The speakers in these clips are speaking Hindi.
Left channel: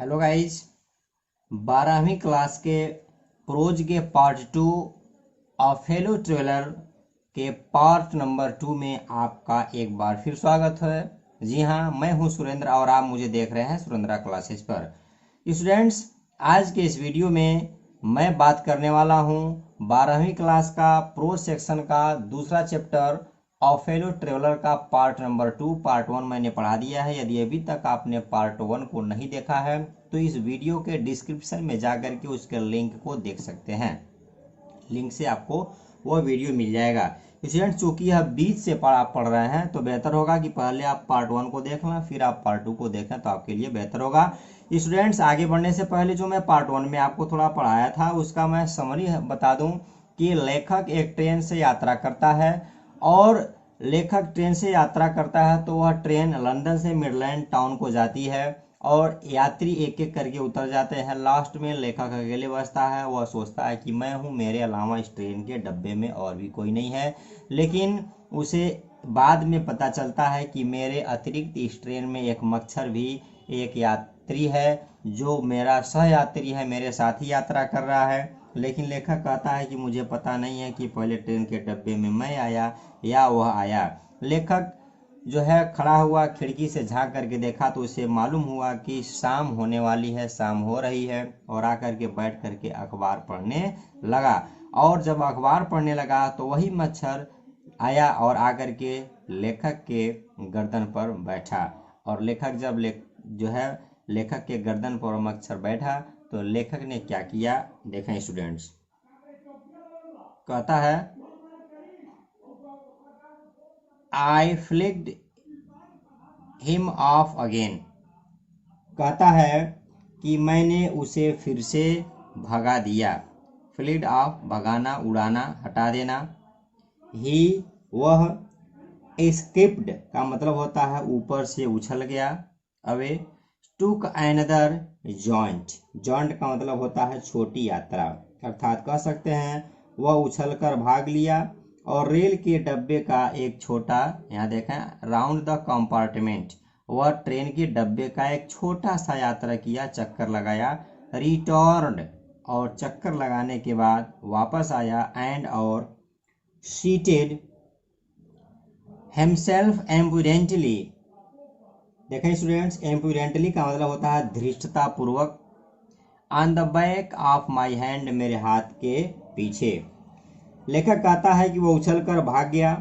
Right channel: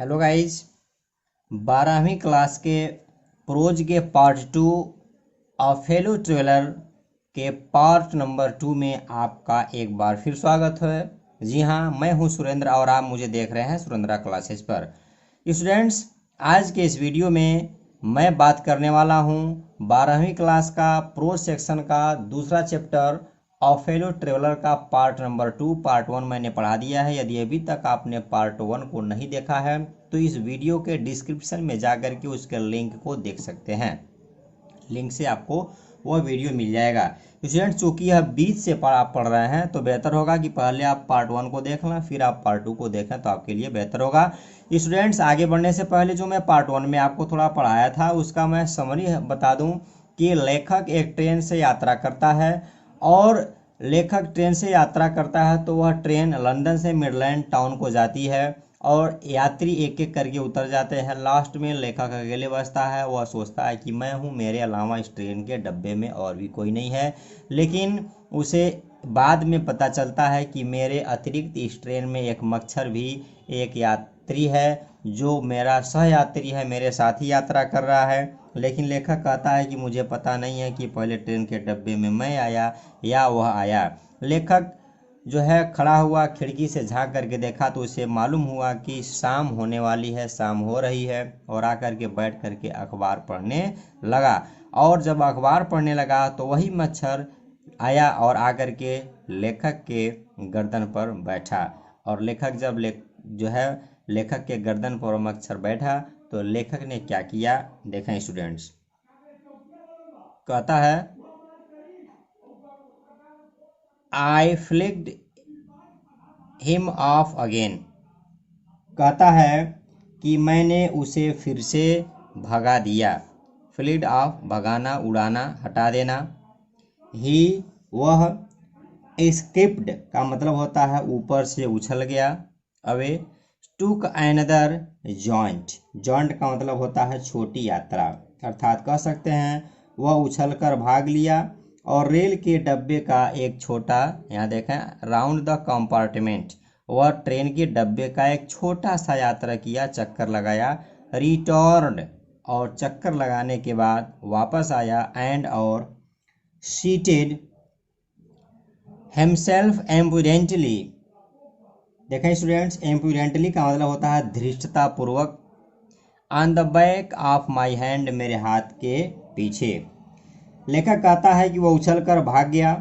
Hello guys. 12वीं क्लास के प्रोज के पार्ट 2 ऑफेलो ट्रेलर के पार्ट नंबर 2 में आपका एक बार फिर स्वागत है। जी हाँ, मैं हूँ सुरेंद्र और आप मुझे देख रहे हैं सुरेंद्रा क्लासेस पर। स्टूडेंट्स, आज के इस वीडियो में मैं बात करने वाला हूँ 12वीं क्लास का प्रोज सेक्शन का दूसरा चैप्टर ऑफेलो ट्रेवलर का पार्ट नंबर 2। पार्ट 1 मैंने पढ़ा दिया है। यदि अभी तक आपने पार्ट 1 को नहीं देखा है तो इस वीडियो के डिस्क्रिप्शन में जाकर के उसके लिंक को देख सकते हैं। लिंक से आपको वह वीडियो मिल जाएगा। स्टूडेंट, चूंकि यह बीच से आप पढ़ रहे हैं तो बेहतर होगा कि पहले आप पार्ट 1 को देख लें, फिर आप पार्ट 2 को देखें तो आपके लिए बेहतर होगा। स्टूडेंट्स, आगे बढ़ने से पहले जो मैं पार्ट 1 में आपको थोड़ा पढ़ाया था उसका मैं समरी बता दूं कि लेखक एक ट्रेन से यात्रा करता है और लेखक ट्रेन से यात्रा करता है तो वह ट्रेन लंदन से मिडलैंड टाउन को जाती है और यात्री एक एक करके उतर जाते हैं। लास्ट में लेखक अकेले बचता है। वह सोचता है कि मैं हूँ, मेरे अलावा इस ट्रेन के डब्बे में और भी कोई नहीं है। लेकिन उसे बाद में पता चलता है कि मेरे अतिरिक्त इस ट्रेन में एक मच्छर भी एक यात्री है जो मेरा सह यात्री है, मेरे साथ ही यात्रा कर रहा है। लेकिन लेखक कहता है कि मुझे पता नहीं है कि पहले ट्रेन के डब्बे में मैं आया या वह आया। लेखक जो है खड़ा हुआ, खिड़की से झांक करके देखा तो उसे मालूम हुआ कि शाम होने वाली है, शाम हो रही है, और आकर के बैठ करके अखबार पढ़ने लगा। और जब अखबार पढ़ने लगा तो वही मच्छर आया और आकर के लेखक के गर्दन पर बैठा। और लेखक जब जो है लेखक के गर्दन पर मच्छर बैठा तो लेखक ने क्या किया, देखें स्टूडेंट्स। कहता है, आई फ्लिक्ड हिम ऑफ अगेन। कहता है कि मैंने उसे फिर से भगा दिया। फ्लिड ऑफ भगाना, उड़ाना, हटा देना। ही वह, एस्केप्ड का मतलब होता है ऊपर से उछल गया। अवे टुक एनदर जॉइंट, जॉइंट का मतलब होता है छोटी यात्रा, अर्थात कह सकते हैं वह उछलकर भाग लिया और रेल के डब्बे का एक छोटा, यहाँ देखें, राउंड द कंपार्टमेंट, वह ट्रेन के डब्बे का एक छोटा सा यात्रा किया, चक्कर लगाया। रिटर्न, और चक्कर लगाने के बाद वापस आया। एंड, और सीटेड हिमसेल्फ एम्पुडेंटली। देखें स्टूडेंट्स, एम्पुडेंटली का मतलब होता है धृष्टता पूर्वक। On the back of my hand, मेरे हाथ के पीछे। लेखक कहता है कि वह उछलकर भाग गया,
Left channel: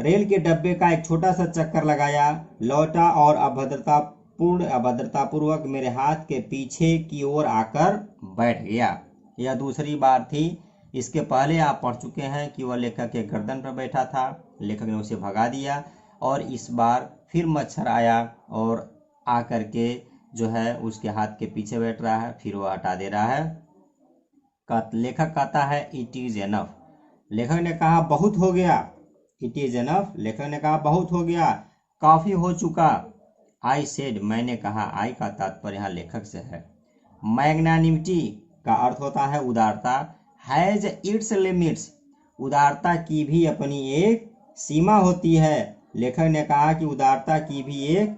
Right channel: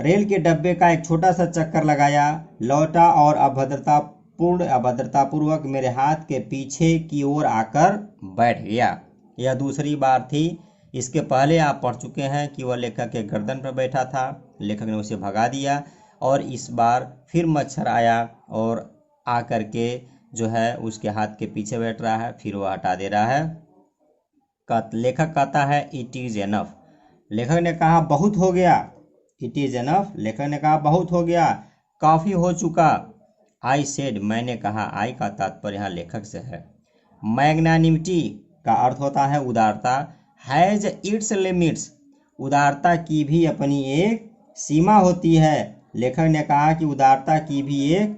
रेल के डब्बे का एक छोटा सा चक्कर लगाया, लौटा और अभद्रतापूर्वक मेरे हाथ के पीछे की ओर आकर बैठ गया। यह दूसरी बार थी। इसके पहले आप पढ़ चुके हैं कि वह लेखक के गर्दन पर बैठा था, लेखक ने उसे भगा दिया, और इस बार फिर मच्छर आया और आकर के जो है उसके हाथ के पीछे बैठ रहा है, फिर वह हटा दे रहा है। लेखक कहता है इट इज एनफ। लेखक ने कहा बहुत हो गया। इट इज एनफ, लेखक ने कहा बहुत हो गया, काफी हो चुका। आई सेड, मैंने कहा। आई का तात्पर्य यहाँ लेखक से है। मैग्नानिमिटी का अर्थ होता है उदारता। हैज इट्स लिमिट्स, उदारता की भी अपनी एक सीमा होती है। लेखक ने कहा कि उदारता की भी एक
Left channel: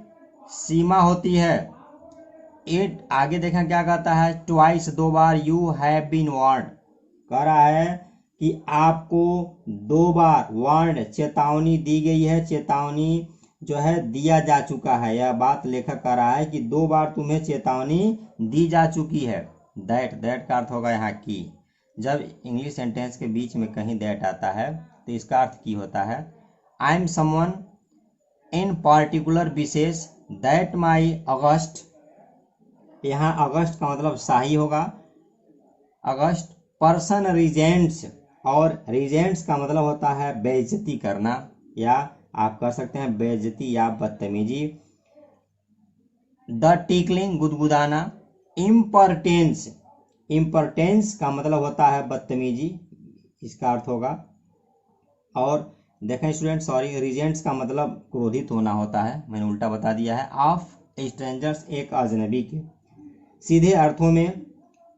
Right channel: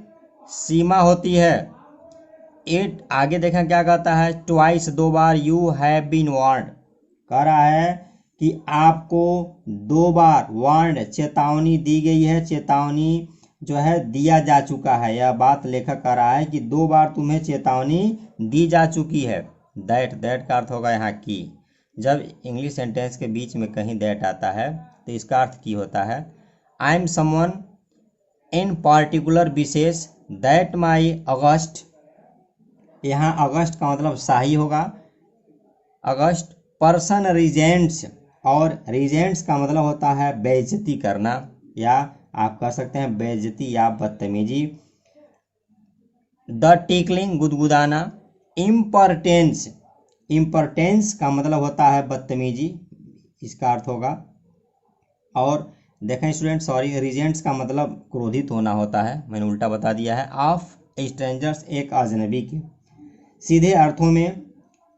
सीमा होती है। इट, आगे देखें क्या कहता है, ट्वाइस, दो बार, यू हैव बीन वार्न्ड, कह रहा है कि आपको दो बार वार्न्ड, चेतावनी दी गई है, चेतावनी जो है दिया जा चुका है। यह बात लेखक कह रहा है कि दो बार तुम्हें चेतावनी दी जा चुकी है। दैट का अर्थ होगा यहाँ की। जब इंग्लिश सेंटेंस के बीच में कहीं दैट आता है तो इसका अर्थ की होता है। I am someone in particular, विशेष। दैट माई अगस्ट, यहाँ अगस्त का मतलब शाही होगा। अगस्त पर्सन रिजेंट्स, और रिजेंट्स का मतलब होता है बेइज्जती करना, या आप कह सकते हैं बेइज्जती या बदतमीजी। The tickling, गुदगुदाना। इम्पर्टेंस, इम्पर्टेंस का मतलब होता है बदतमीजी, इसका अर्थ होगा। और देखें स्टूडेंट, सॉरी, रिजेंट्स का मतलब क्रोधित होना होता है, मैंने उल्टा बता दिया है। ऑफ स्ट्रेंजर्स, एक अजनबी के। सीधे अर्थों में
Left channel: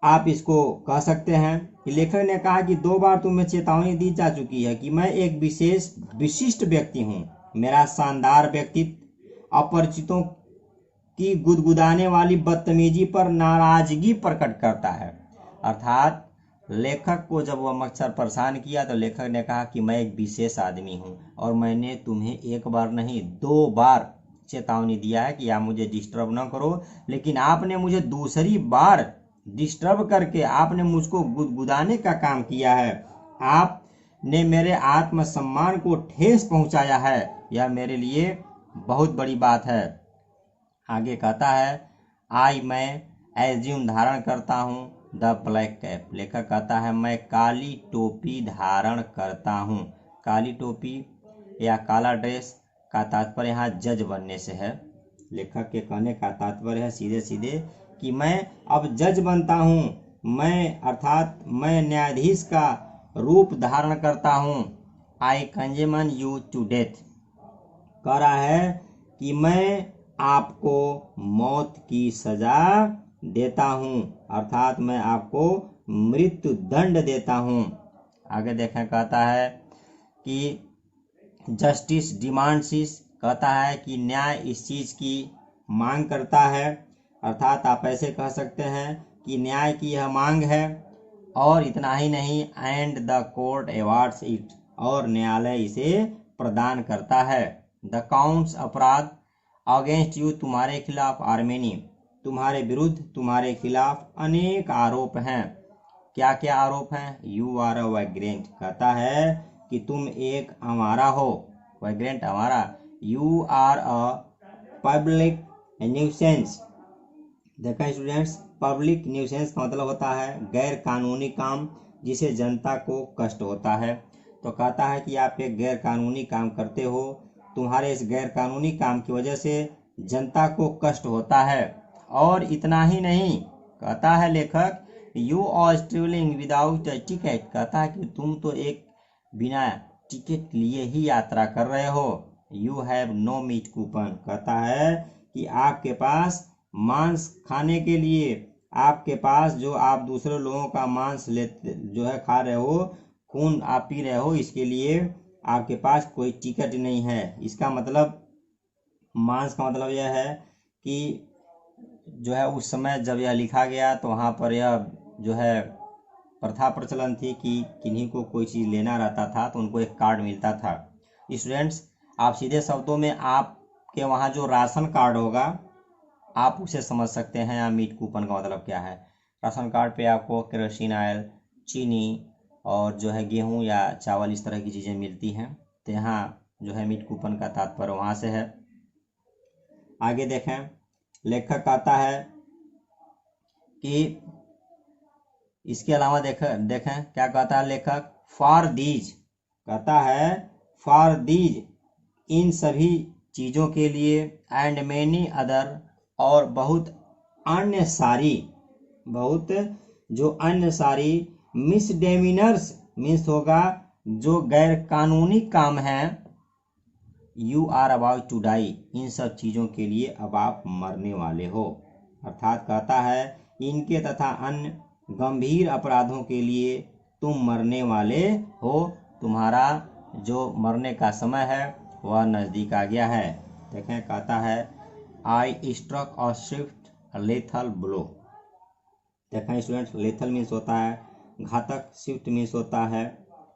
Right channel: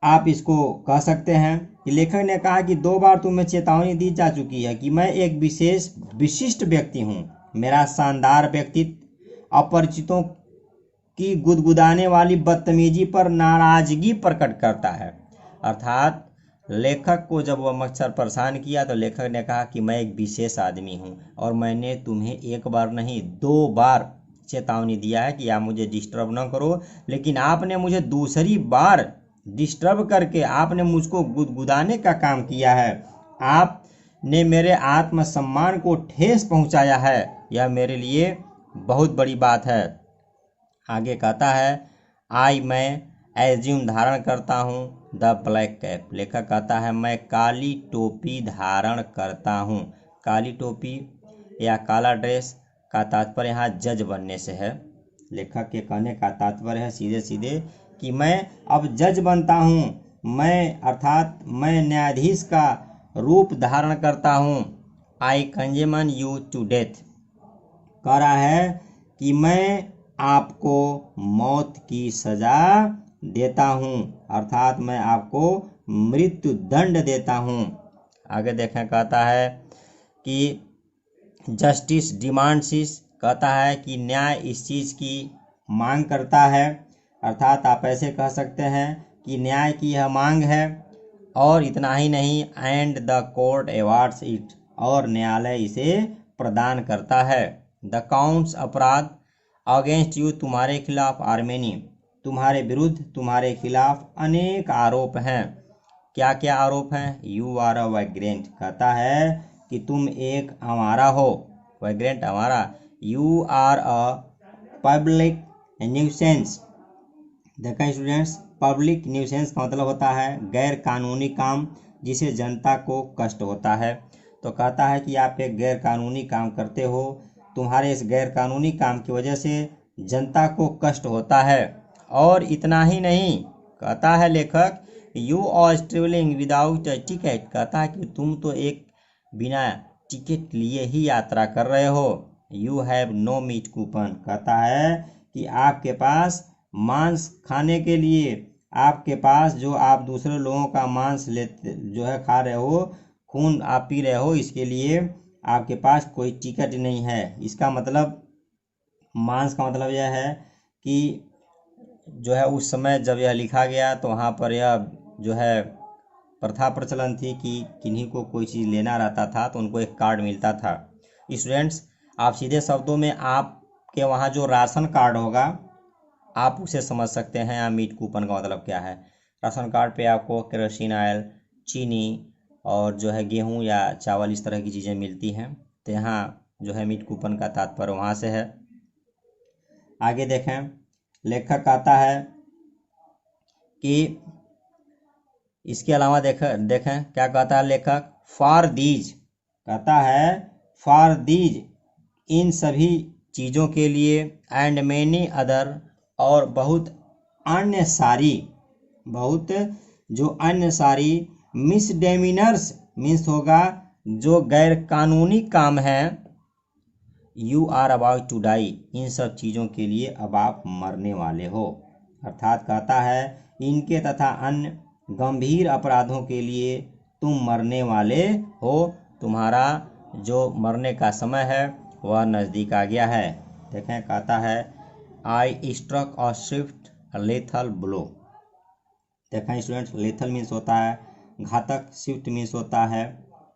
आप इसको कह सकते हैं कि लेखक ने कहा कि दो बार तुम्हें चेतावनी दी जा चुकी है कि मैं एक विशिष्ट व्यक्ति हूँ। मेरा शानदार व्यक्तित्व अपरिचितों की गुदगुदाने वाली बदतमीजी पर नाराजगी प्रकट करता है। अर्थात लेखक को जब वह मच्छर परेशान किया तो लेखक ने कहा कि मैं एक विशेष आदमी हूँ और मैंने तुम्हें एक बार नहीं 2 बार चेतावनी दिया है कि आप मुझे डिस्टर्ब न करो, लेकिन आपने मुझे दूसरी बार डिस्टर्ब करके आपने मुझको गुदगुदाने का काम किया है। आपने मेरे आत्मसम्मान को ठेस पहुंचाया है। यह मेरे लिए बहुत बड़ी बात है। आगे कहता है मैं एज्यूम धारण करता हूँ द ब्लैक कैप। लेखक कहता है मैं काली टोपी धारण करता हूँ। काली टोपी या काला ड्रेस का तात्पर्य यहाँ जज बनने से है। लेखक के कहने का तात्पर्य है सीधे सीधे कि मैं अब जज बनता हूँ, मैं अर्थात मैं न्यायाधीश का रूप धारण करता हूँ। आई कंजेमन यू टू डेथ, कह रहा है कि मैं आपको मौत की सजा देता हूँ, अर्थात मैं आपको मृत्यु दंड देता हूँ। आगे देखें, कहता है कि जस्टिस डिमांड्स इस, कहता है कि न्याय इस चीज़ की मांग करता है, अर्थात आप ऐसे कह सकते हैं कि न्याय की यह मांग है। और इतना ही नहीं, and the court awards it, और न्यायालय इसे प्रदान करता है। द काउंट्स अपराध अगेंस्ट यू, तुम्हारे खिलाफ आर मेनी, तुम्हारे विरुद्ध तुम्हारे खिलाफ अनेक आरोप हैं। क्या क्या आरोप हैं? यू आर अ वैग्रेंट, कहता है कि तुम एक आवारा हो। वैग्रेंट आवारा। You are a public nuisance. देखें स्टूडेंट्स, पब्लिक न्यूसेंस का मतलब होता है गैर कानूनी काम जिसे जनता को कष्ट होता है। तो कहता है कि आप एक गैर कानूनी काम करते हो, तुम्हारे इस गैर कानूनी काम की वजह से जनता को कष्ट होता है। और इतना ही नहीं, कहता है लेखक you are travelling without a ticket, कहता है कि तुम तो एक बिना टिकट लिए ही यात्रा कर रहे हो। You have no meat coupon, कहता है कि आपके पास मांस खाने के लिए, आपके पास जो आप दूसरे लोगों का मांस लेते जो है खा रहे हो, खून आप पी रहे हो, इसके लिए आपके पास कोई टिकट नहीं है। इसका मतलब मांस का मतलब यह है कि जो है उस समय जब यह लिखा गया तो वहाँ पर यह जो है प्रथा प्रचलन थी कि किन्हीं को कोई चीज़ लेना रहता था तो उनको एक कार्ड मिलता था। स्टूडेंट्स, आप सीधे शब्दों में आपके वहाँ जो राशन कार्ड होगा आप उसे समझ सकते हैं। या मीट कूपन का मतलब क्या है? राशन कार्ड पे आपको केरोसिन ऑयल, चीनी और जो है गेहूं या चावल इस तरह की चीज़ें मिलती हैं। तो यहाँ जो है मीट कूपन का तात्पर्य वहाँ से है। आगे देखें, लेखक कहता है कि इसके अलावा देखें क्या कहता है लेखक, फॉर दीज, कहता है फॉर दीज, इन सभी चीज़ों के लिए, एंड मेनी अदर, और बहुत अन्य सारी मिसडेमिनर्स, मीन्स होगा जो गैर कानूनी काम है, you are about to die, इन सब चीज़ों के लिए अब आप मरने वाले हो। अर्थात कहता है इनके तथा अन्य गंभीर अपराधों के लिए तुम मरने वाले हो, तुम्हारा जो मरने का समय है वह नज़दीक आ गया है। देखें, कहता है I struck a swift lethal blow. देखें स्टूडेंट्स, लेथल मीन्स होता है घातक, स्विफ्ट मीन्स होता है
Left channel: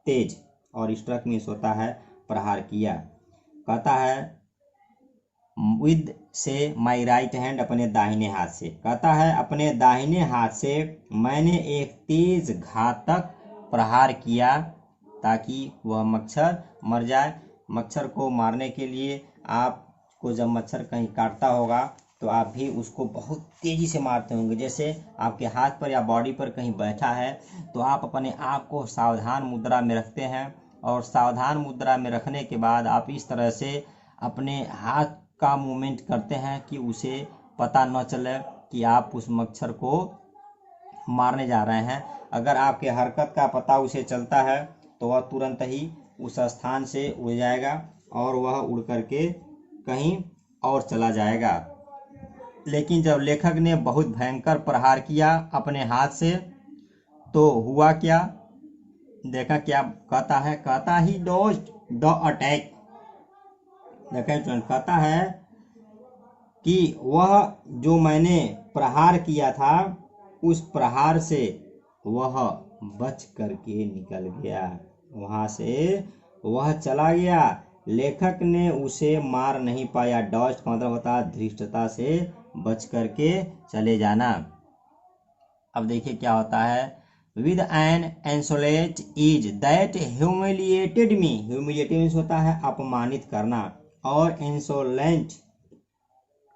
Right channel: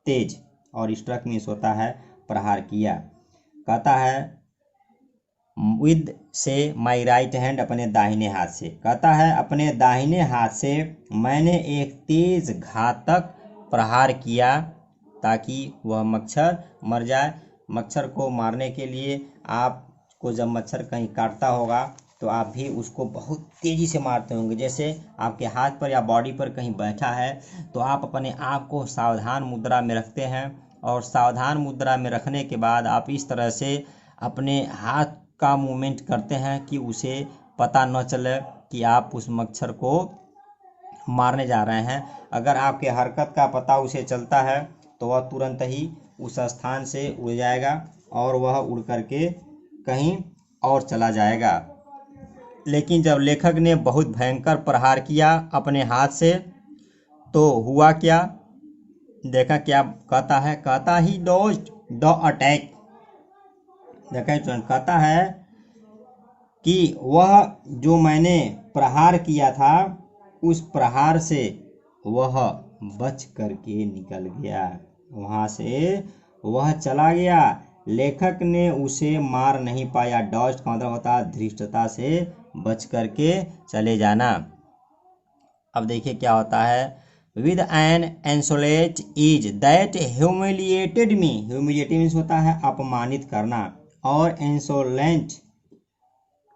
तेज, और स्ट्रक मीन्स होता है प्रहार किया। कहता है विद से माई राइट हैंड, अपने दाहिने हाथ से, कहता है अपने दाहिने हाथ से मैंने एक तेज घातक प्रहार किया ताकि वह मच्छर मर जाए। मच्छर को मारने के लिए आपको जब मच्छर कहीं काटता होगा तो आप भी उसको बहुत तेज़ी से मारते होंगे। जैसे आपके हाथ पर या बॉडी पर कहीं बैठा है तो आप अपने आप को सावधान मुद्रा में रखते हैं, और सावधान मुद्रा में रखने के बाद आप इस तरह से अपने हाथ का मूवमेंट करते हैं कि उसे पता न चले कि आप उस मच्छर को मारने जा रहे हैं। अगर आपके हरकत का पता उसे चलता है तो वह तुरंत ही उस स्थान से उड़ जाएगा और वह उड़ करके कहीं और चला जाएगा। लेकिन जब लेखक ने बहुत भयंकर प्रहार किया अपने हाथ से तो हुआ क्या? देखा क्या कहता है, कहता ही डॉज्ड द अटैक। देखा कहता है कि वह जो मैंने प्रहार किया था उस प्रहार से वह बच करके निकल गया, वहां से वह चला गया। लेखक ने उसे मार नहीं पाया। डॉज का मतलब होता है धृष्टता से बच करके चले जाना। अब देखिए क्या होता है, with an insolence is that humiliated me. Humiliated means होता है अपमानित करना, और इंसोलेंट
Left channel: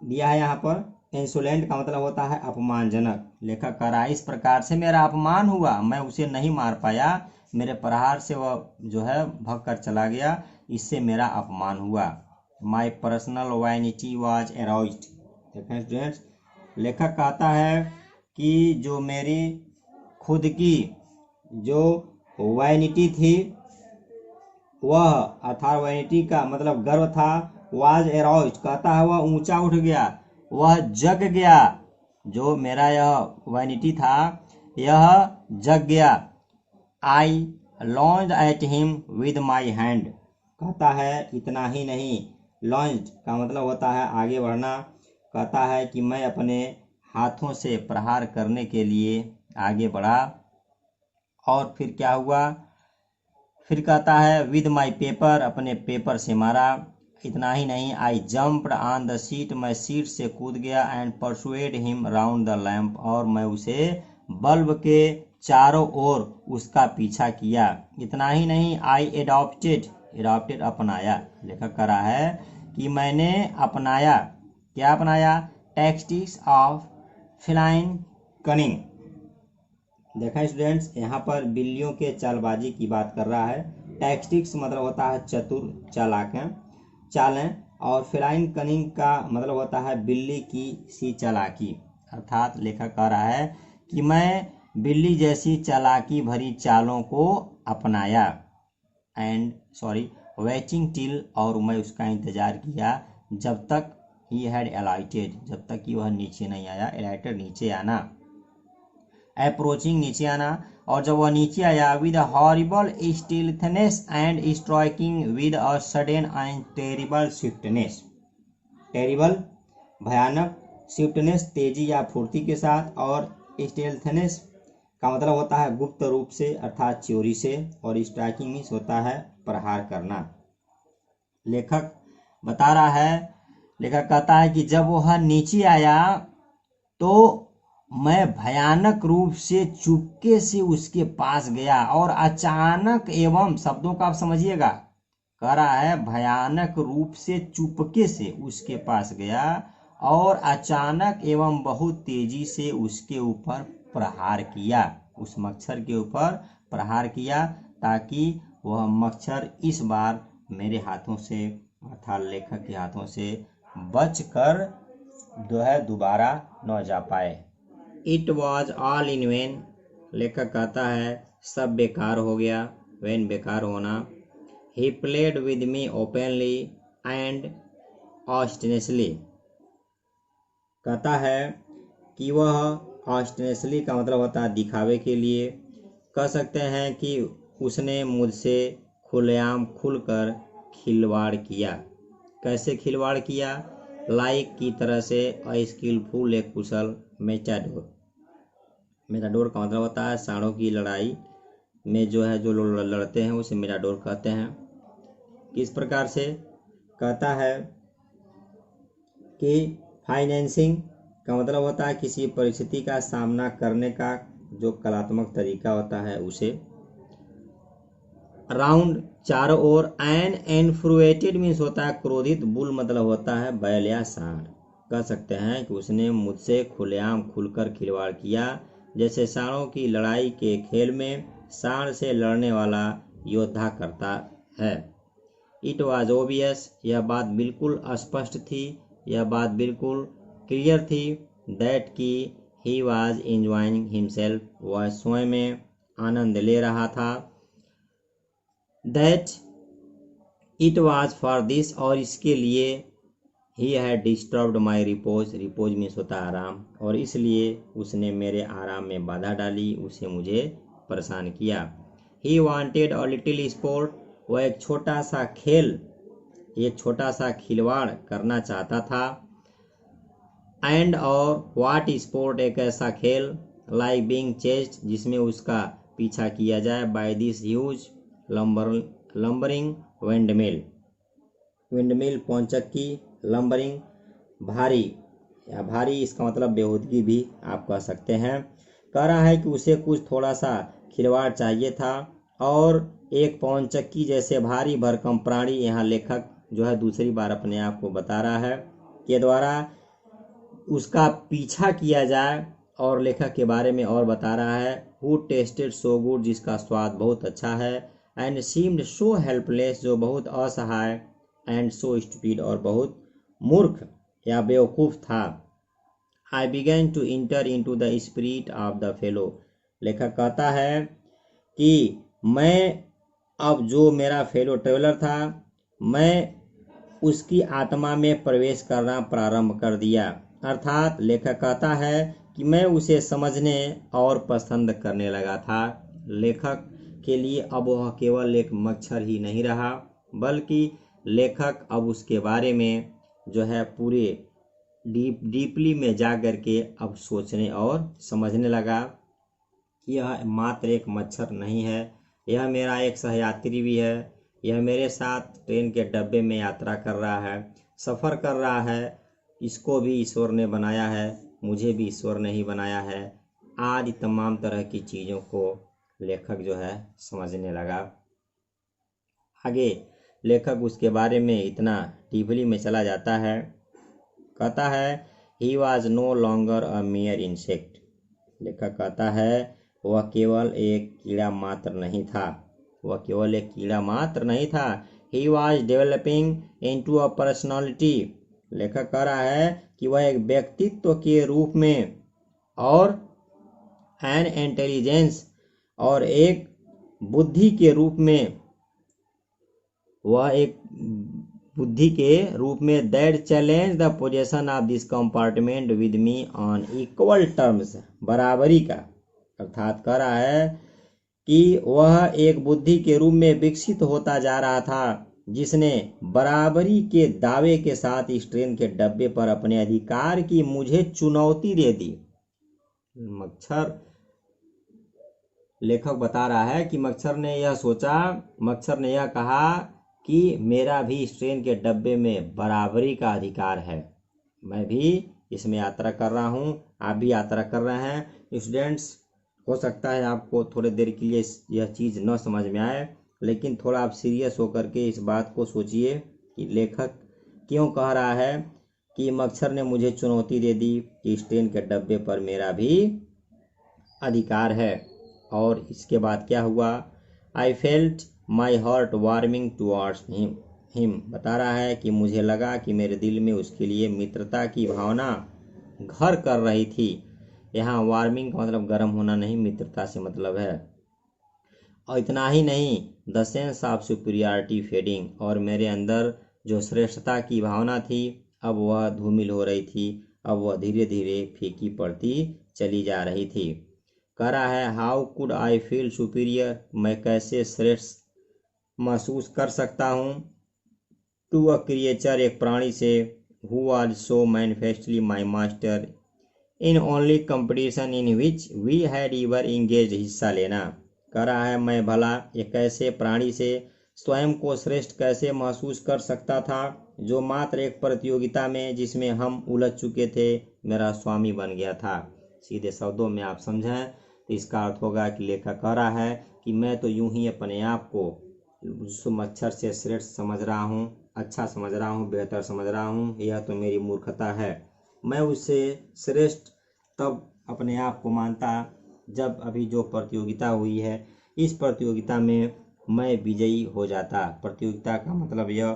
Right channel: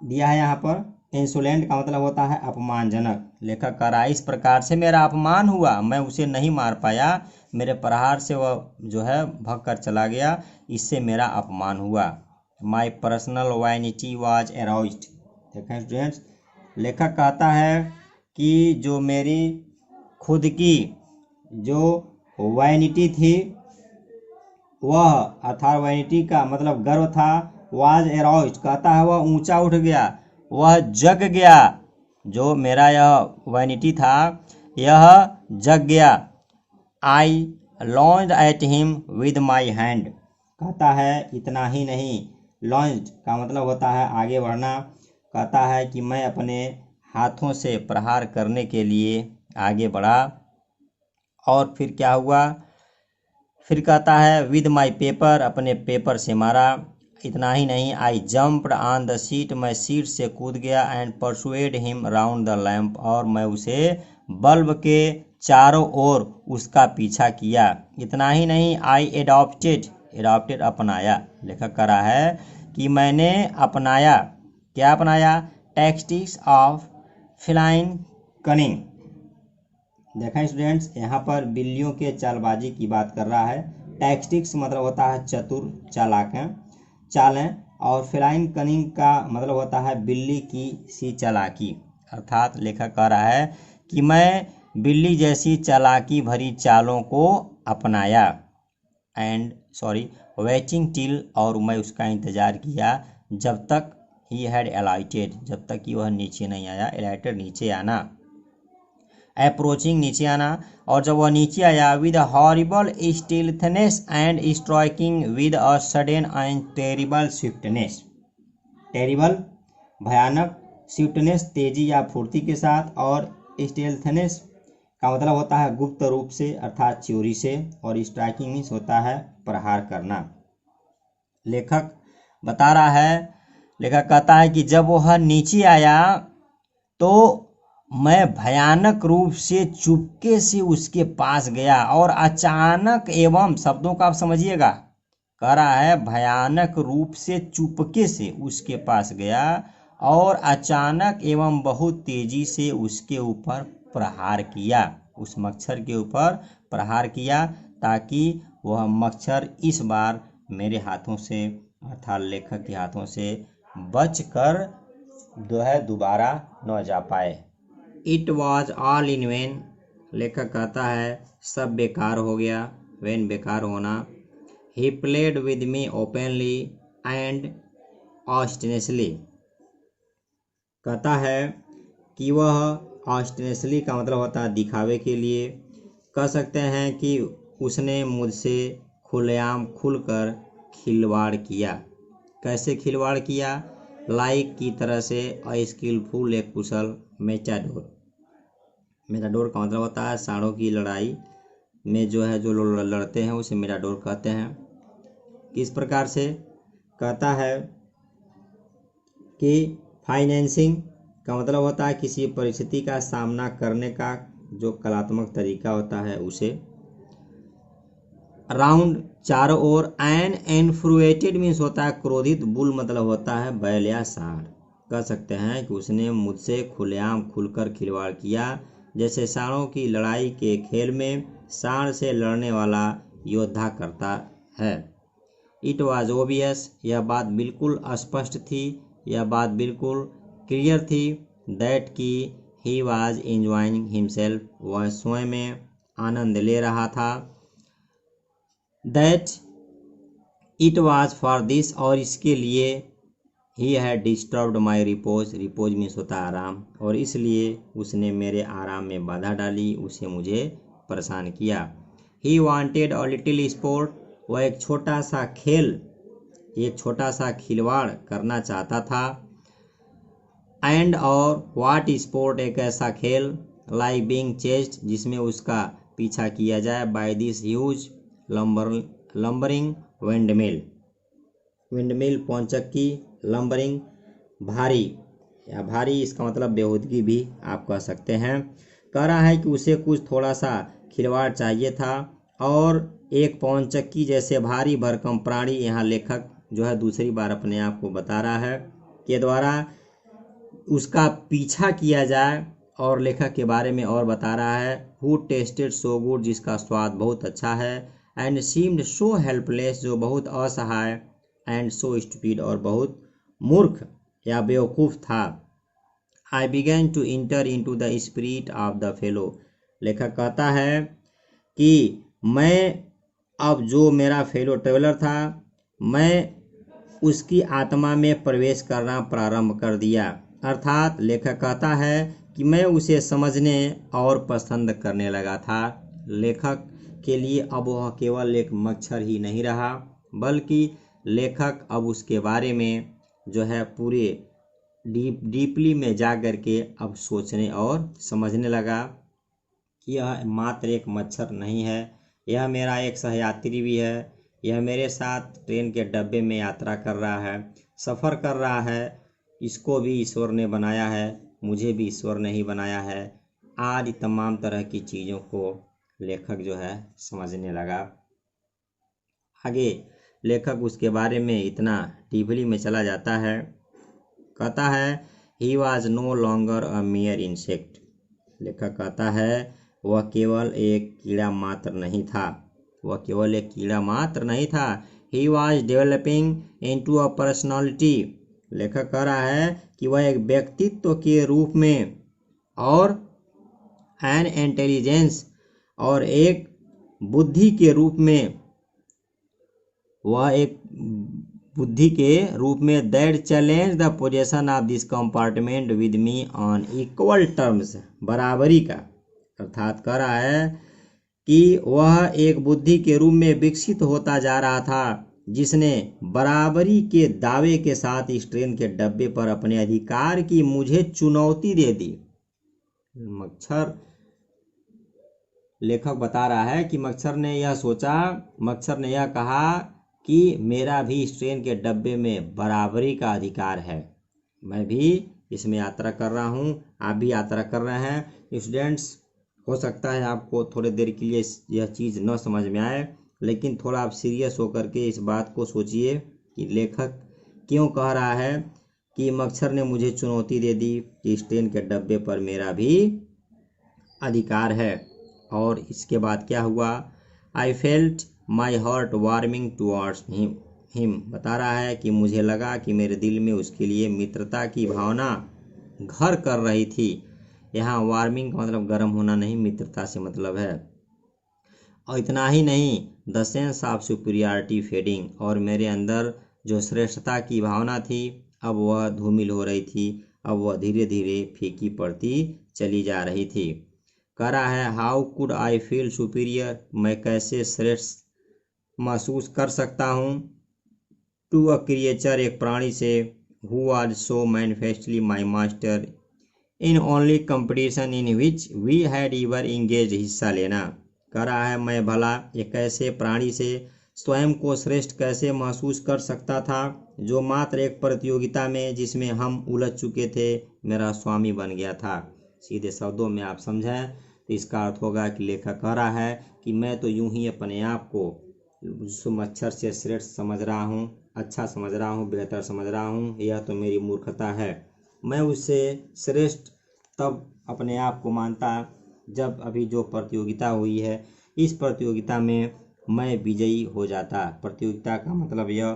दिया है यहाँ पर। इंसोलेंट का मतलब होता है अपमानजनक। लेखक कह रहा है इस प्रकार से मेरा अपमान हुआ, मैं उसे नहीं मार पाया, मेरे प्रहार से वह जो है भग कर चला गया, इससे मेरा अपमान हुआ। My personal vanity was aroused. देखें स्टूडेंट्स, लेखक कहता है कि जो मेरी खुद की जो वैनिटी थी वह, अर्थात वैनिटी का मतलब गर्व था, वाज एराउज्ड कहता है वह ऊंचा उठ गया, वह जग गया। जो मेरा यह वैनिटी था यह जग गया। I lunged at him with my hand. कहता है इतना ही नहीं, लॉन्ज्ड का मतलब होता है आगे बढ़ना। कहता है कि मैं अपने हाथों से प्रहार करने के लिए आगे बढ़ा, और फिर क्या हुआ, फिर कहता है विद माई पेपर, अपने पेपर से मारा। इतना ही नहीं, आई जम्प्ड ऑन द सीट, मैं सीट से कूद गया, and persuade him round the lamp, और मैं उसे बल्ब के चारों ओर उसका पीछा किया। इतना ही नहीं, आई एडॉप्टेड, एडॉप्टेड अपनाया। लेखक कह रहा है कि मैंने अपनाया, क्या अपनाया, टैक्टिक्स ऑफ फेलाइन कनिंग। देखें स्टूडेंट्स, यहाँ पर बिल्लियों के चालबाजी की बात कर रहा है। टैक्टिक्स मतलब होता है चतुर, चालें, और फेलाइन कनिंग का मतलब होता है बिल्ली की सी चालाकी। अर्थात लेखक कह रहा है कि मैं बिल्ली जैसी चालाकी भरी चालों को अपनाया, वेटिंग टिल, और मैं उसका इंतजार किया जब तक ही हैड एलाइटेड, जब तक कि वह नीचे नहीं आया। एलाइटेड नीचे आना, अप्रोचिंग नीचे आना, और जब वह नीचे आया, with horrible stealthiness and striking with a sudden and terrible swiftness. Terrible भयानक, स्विफ्टनेस तेजी या फुर्ती के साथ, और स्टिल्थनेस का मतलब होता है गुप्त रूप से अर्थात चोरी से, और स्ट्राइकिंग मीन्स होता है प्रहार करना। लेखक बता रहा है, लेखक कहता है कि जब वह नीचे आया तो मैं भयानक रूप से चुपके से उसके पास गया, और अचानक एवं, शब्दों का आप समझिएगा, कह रहा है भयानक रूप से चुपके से उसके पास गया, और अचानक एवं बहुत तेजी से उसके ऊपर प्रहार किया, उस मच्छर के ऊपर प्रहार किया, ताकि वह मच्छर इस बार मेरे हाथों से अर्थात लेखक के हाथों से बच कर जो है दोबारा न जा पाए। It was all in when. लेखक कहता है सब बेकार हो गया, वेन बेकार होना। He played with me openly and obstinately. कहता है कि वह ऑस्टिनेसली का मतलब होता है दिखावे के लिए, कह सकते हैं कि उसने मुझसे खुलेआम खुलकर खिलवाड़ किया। कैसे खिलवाड़ किया, लाइक की तरह से, अस्किलफुल एक कुशल, मेटाडोर। मेटाडोर का मतलब होता है सांडों की लड़ाई में जो है जो लोग लड़ते हैं उसे मेटाडोर कहते हैं। किस प्रकार से, कहता है कि फाइनेंसिंग का मतलब होता है किसी परिस्थिति का सामना करने का जो कलात्मक तरीका होता है उसे। राउंड चारों ओर, एन इन्फ्रुएटेड मीन्स होता है क्रोधित, बुल मतलब होता है बैल या सांड। कह सकते हैं कि उसने मुझसे खुलेआम खुलकर खिलवाड़ किया, जैसे सांडों की लड़ाई के खेल में सांड से लड़ने वाला योद्धा करता है। इट वॉज ओबियस, यह बात बिल्कुल स्पष्ट थी, यह बात बिल्कुल क्लियर थी, दैट की ही वॉज एंजॉयिंग हिमसेल्फ, वह स्वयं में आनंद ले रहा था। That it was for this, और इसके लिए he had disturbed my repose, repose means होता है आराम, और इसलिए उसने मेरे आराम में बाधा डाली, उसे मुझे परेशान किया। He wanted a little sport, वह एक छोटा सा खेल, एक छोटा सा खिलवाड़ करना चाहता था। एंड और व्हाट स्पोर्ट एक ऐसा खेल लाइक बीइंग चेस्ड जिसमें उसका पीछा किया जाए by this huge lumbering windmill. Windmill पौनचक्की, लंबरिंग भारी या भारी इसका मतलब बेहूदगी भी आप कह सकते हैं। कह रहा है कि उसे कुछ थोड़ा सा खिलवाड़ चाहिए था और एक पौनचक्की जैसे भारी भरकम प्राणी, यहाँ लेखक जो है दूसरी बार अपने आप को बता रहा है, के द्वारा उसका पीछा किया जाए। और लेखक के बारे में और बता रहा है, हु टेस्टेड सो गुड जिसका स्वाद बहुत अच्छा है, एंड सीम्ड सो हेल्पलेस जो बहुत असहाय, एंड सो स्टूपिड और बहुत मूर्ख या बेवकूफ़ था। I began to enter into the spirit of the fellow. लेखक कहता है कि मैं अब जो मेरा फेलो ट्रेवलर था, मैं उसकी आत्मा में प्रवेश करना प्रारंभ कर दिया। अर्थात लेखक कहता है कि मैं उसे समझने और पसंद करने लगा था। लेखक के लिए अब वह केवल एक मच्छर ही नहीं रहा, बल्कि लेखक अब उसके बारे में जो है पूरे डीपली में जा कर के अब सोचने और समझने लगा कि यह मात्र एक मच्छर नहीं है, यह मेरा एक सहयात्री भी है, यह मेरे साथ ट्रेन के डब्बे में यात्रा कर रहा है, सफ़र कर रहा है। इसको भी ईश्वर ने बनाया है, मुझे भी ईश्वर ने ही बनाया है। आज तमाम तरह की चीज़ों को लेखक जो है समझने लगा। आगे लेखक उसके बारे में इतना डीपली में चला जाता है, कहता है he was no longer a mere insect. लेखक कहता है वह केवल एक कीड़ा मात्र नहीं था, वह केवल एक कीड़ा मात्र नहीं था। He was developing into a personality. लेखक कह रहा है कि वह एक व्यक्तित्व के रूप में और एन इंटेलिजेंस और एक बुद्धि के रूप में, वह एक बुद्धि के रूप में that challenge the possession of this compartment with me on equal terms. बराबरी का अर्थात कह रहा है कि वह एक बुद्धि के रूप में विकसित होता जा रहा था, जिसने बराबरी के दावे के साथ इस ट्रेन के डब्बे पर अपने अधिकार की मुझे चुनौती दे दी। मच्छर, लेखक बता रहा है कि मच्छर ने यह सोचा, मच्छर ने यह कहा कि मेरा भी इस ट्रेन के डब्बे में बराबरी का अधिकार है, मैं भी इसमें यात्रा कर रहा हूँ, आप भी यात्रा कर रहे हैं। स्टूडेंट्स, हो सकता है आपको थोड़ी देर के लिए यह चीज़ न समझ में आए, लेकिन थोड़ा आप सीरियस होकर के इस बात को सोचिए कि लेखक क्यों कह रहा है कि मच्छर ने मुझे चुनौती दे दी कि इस ट्रेन के डब्बे पर मेरा भी अधिकार है। और इसके बाद क्या हुआ, I felt my heart warming towards him. बता रहा है कि मुझे लगा कि मेरे दिल में उसके लिए मित्रता की भावना घर कर रही थी। यहाँ वार्मिंग का मतलब गर्म होना नहीं, मित्रता से मतलब है। और इतना ही नहीं, the sense of superiority fading, और मेरे अंदर जो श्रेष्ठता की भावना थी अब वह धूमिल हो रही थी, अब वह धीरे धीरे फीकी पड़ती चली जा रही थी। कह रहा है how could I feel superior, मैं कैसे श्रेष्ठ महसूस कर सकता हूँ, टू अ क्रिएचर, एक प्राणी से, who was so manifestly my master in only competition in which we had ever engage, हिस्सा लेना। कह रहा है मैं भला एक ऐसे प्राणी से स्वयं को श्रेष्ठ कैसे महसूस कर सकता था जो मात्र एक प्रतियोगिता में जिसमें हम उलझ चुके थे मेरा स्वामी बन गया था। सीधे शब्दों में आप समझें तो इसका अर्थ होगा कि लेखक कह रहा है कि मैं तो यूं ही अपने आप को उस मच्छर से श्रेष्ठ समझ रहा हूँ, अच्छा समझ रहा हूँ, बेहतर समझ रहा हूँ, यह तो मेरी मूर्खता है। मैं उससे श्रेष्ठ तब अपने आप को मानता जब अभी जो प्रतियोगिता हुई है इस प्रतियोगिता में मैं विजयी हो जाता। प्रतियोगिता का मतलब यह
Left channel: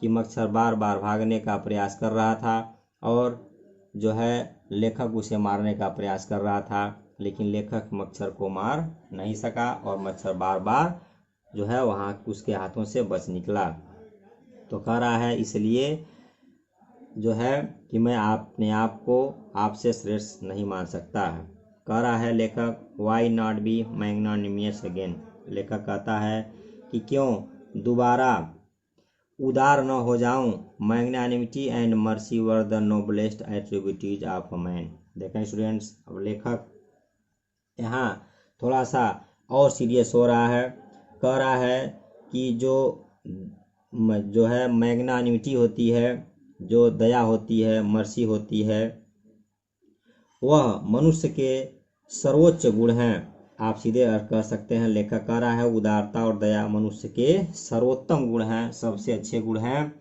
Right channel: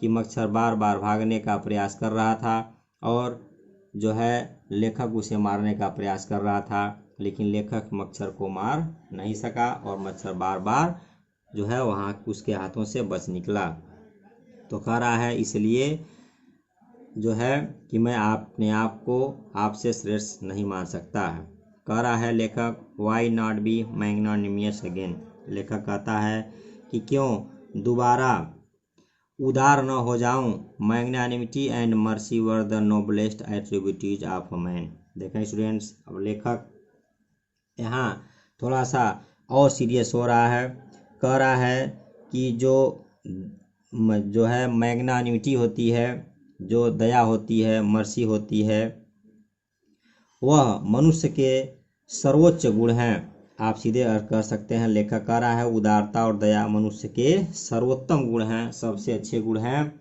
कि मच्छर बार बार भागने का प्रयास कर रहा था और जो है लेखक उसे मारने का प्रयास कर रहा था, लेकिन लेखक मच्छर को मार नहीं सका और मच्छर बार बार जो है वहाँ उसके हाथों से बच निकला। तो कह रहा है इसलिए जो है कि मैं अपने आप को आपसे श्रेष्ठ नहीं मान सकता है। कह रहा है लेखक वाई नॉट बी मैग्नानिमियस अगेन। लेखक कहता है कि क्यों दोबारा उदार न हो जाऊं। Magnanimity and mercy were the noblest attributes of man. देखें स्टूडेंट्स, अब लेखक यहाँ थोड़ा सा और सीरियस हो रहा है, कह रहा है कि जो है मैग्नानिमिटी होती है, जो दया होती है, मर्सी होती है, वह मनुष्य के सर्वोच्च गुण हैं। आप सीधे अर्थ कर सकते हैं, लेखक कह रहा है उदारता और दया मनुष्य के सर्वोत्तम गुण हैं, सबसे अच्छे गुण हैं।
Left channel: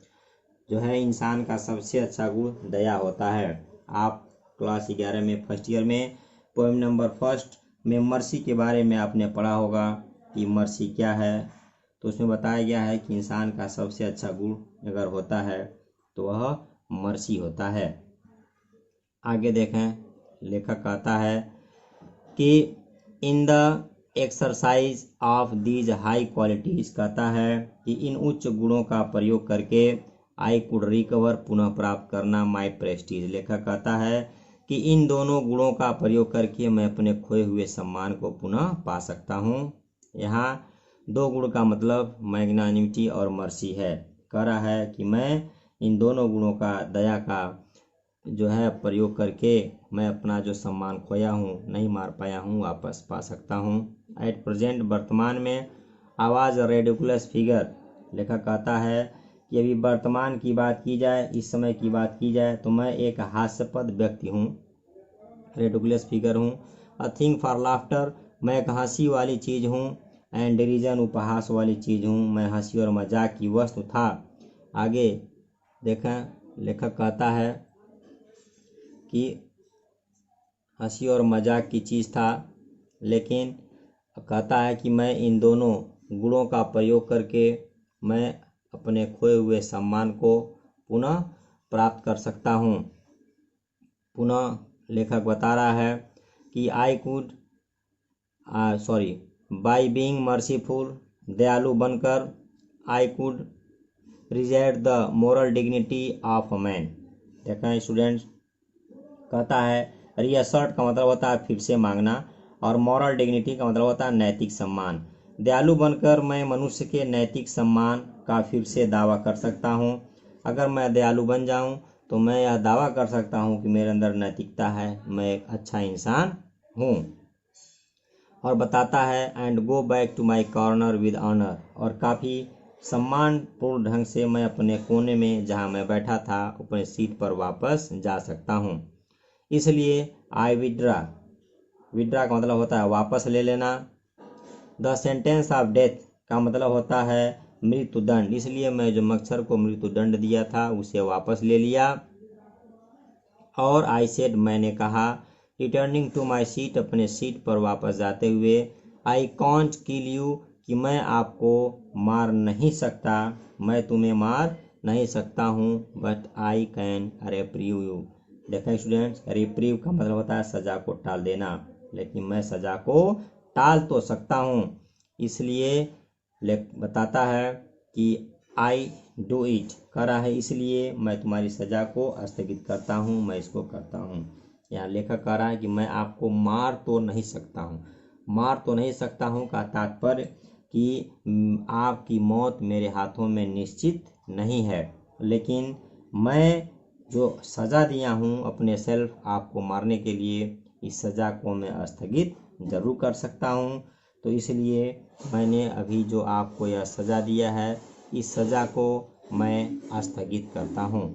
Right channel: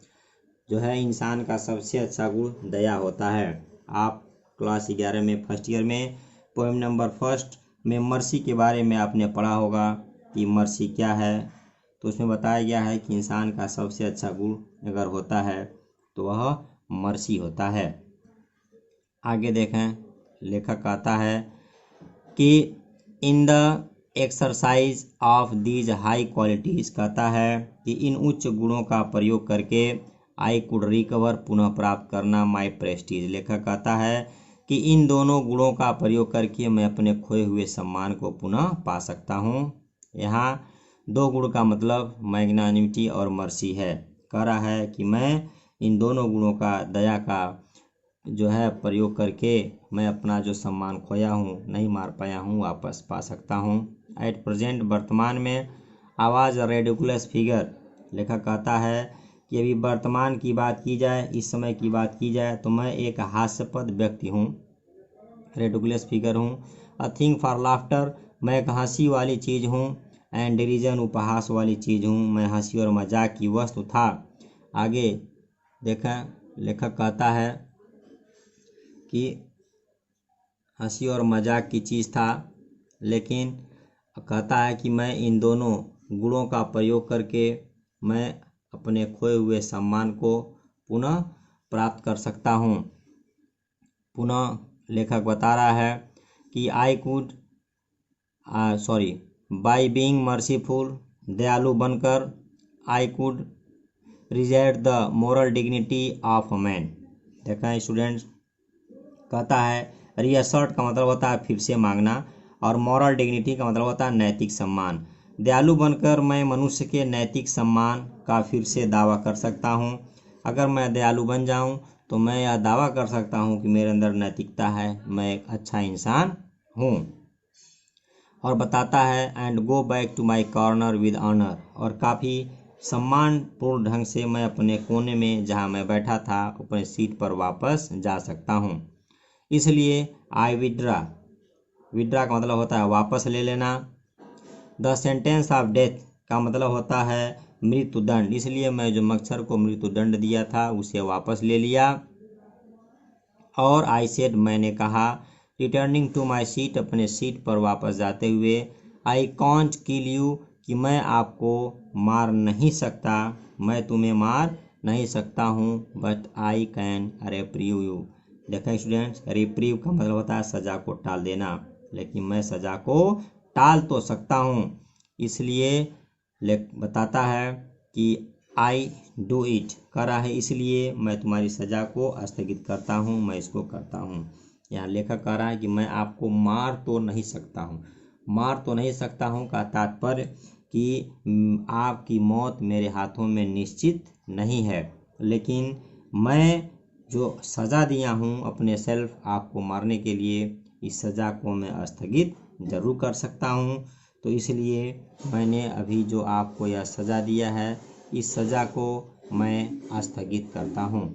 जो है इंसान का सबसे अच्छा गुण दया होता है। आप क्लास 11 में फर्स्ट ईयर में पोएम नंबर फर्स्ट में मर्सी के बारे में आपने पढ़ा होगा कि मर्सी क्या है। तो उसमें बताया गया है कि इंसान का सबसे अच्छा गुण अगर होता है तो वह मर्सी होता है। आगे देखें, लेखक कहता है कि in the exercise of these high qualities, कहता है कि इन उच्च गुणों का प्रयोग करके आई कुड रिकवर, पुनः प्राप्त करना, माई प्रेस्टीज। लेखक कहता है कि इन दोनों गुणों का प्रयोग करके मैं अपने खोए हुए सम्मान को पुनः पा सकता हूँ। यहाँ दो गुण का मतलब मैग्नानिमिटी और मर्सी है। कह रहा है कि मैं इन दोनों गुणों का, दया का जो है प्रयोग करके मैं अपना जो सम्मान खोया हूँ, नहीं मार पाया हूँ, वापस पा सकता हूँ। एट प्रेजेंट, वर्तमान में, आवाज़ रेडिकुलस फिगर। लेखक कहता है कि अभी वर्तमान की बात की जाए, इस समय की बात की जाए तो मैं एक हास्यास्पद व्यक्ति हूँ, रेडिकुलस फिगर हूँ। अ थिंग फॉर लाफ्टर, मैं एक हंसी वाली चीज़ हूँ। एंड डिरीजन, उपहास वाली चीज़ हूँ, मैं हंसी और मजाक की वस्तु था। आगे देखें, लेखक कहता है कि हंसी और मजाक की चीज़ था, लेकिन कहता है कि मैं इन दोनों गुणों का प्रयोग करके मैं अपने खोए हुए सम्मान को पुनः प्राप्त कर सकता हूँ। पुनः लेखक बता रहा है कि बाय बीइंग मर्सीफुल, दयालु बनकर, I could reject the moral dignity of man. देखें स्टूडेंट्स, कहता है रीअसर्ट का मतलब होता है फिर से मांगना, और मॉरल डिग्निटी का मतलब होता है नैतिक सम्मान। दयालु बनकर मैं मनुष्य के नैतिक सम्मान का फिर से दावा कर सकता हूँ। अगर मैं दयालु बन जाऊँ तो मैं यह दावा कर सकता हूँ कि मेरे अंदर नैतिकता है, मैं एक अच्छा इंसान हूँ। और बताता है and go back to my corner with honour, और काफ़ी सम्मानपूर्ण ढंग से मैं अपने कोने में जहाँ मैं बैठा था अपने सीट पर वापस जा सकता हूँ। इसलिए आई विड्रा, विड्रा का मतलब होता है वापस ले लेना। द सेंटेंस ऑफ डेथ का मतलब होता है मृत्युदंड, इसलिए मैं जो मच्छर को मृत्युदंड दिया था उसे वापस ले लिया। और आई सेड, मैंने कहा, रिटर्निंग टू माई सीट, अपने सीट पर वापस जाते हुए, आई कांट किल यू, कि मैं आपको मार नहीं सकता, मैं तुम्हें मार नहीं सकता हूँ, बट आई कैन रेप्रीव यू। देखें स्टूडेंट्स, रिप्रीव का मतलब होता है सज़ा को टाल देना, लेकिन मैं सज़ा को टाल तो सकता हूँ। इसलिए बताता है कि आई डू इट, कह रहा है इसलिए मैं तुम्हारी सज़ा को स्थगित करता हूँ, मैं इसको करता हूँ। यहाँ लेखक कह रहा है कि मैं आपको मार तो नहीं सकता हूँ। मार तो नहीं सकता हूँ का तात्पर्य कि आपकी मौत मेरे हाथों में निश्चित नहीं है, लेकिन मैं जो सज़ा दिया हूँ अपने सेल्फ आपको मारने के लिए, इस सज़ा को मैं स्थगित ज़रूर कर सकता हूँ। तो इसलिए मैंने अभी जो आपको यह सज़ा दिया है, इस सज़ा को मैं स्थगित करता हूँ।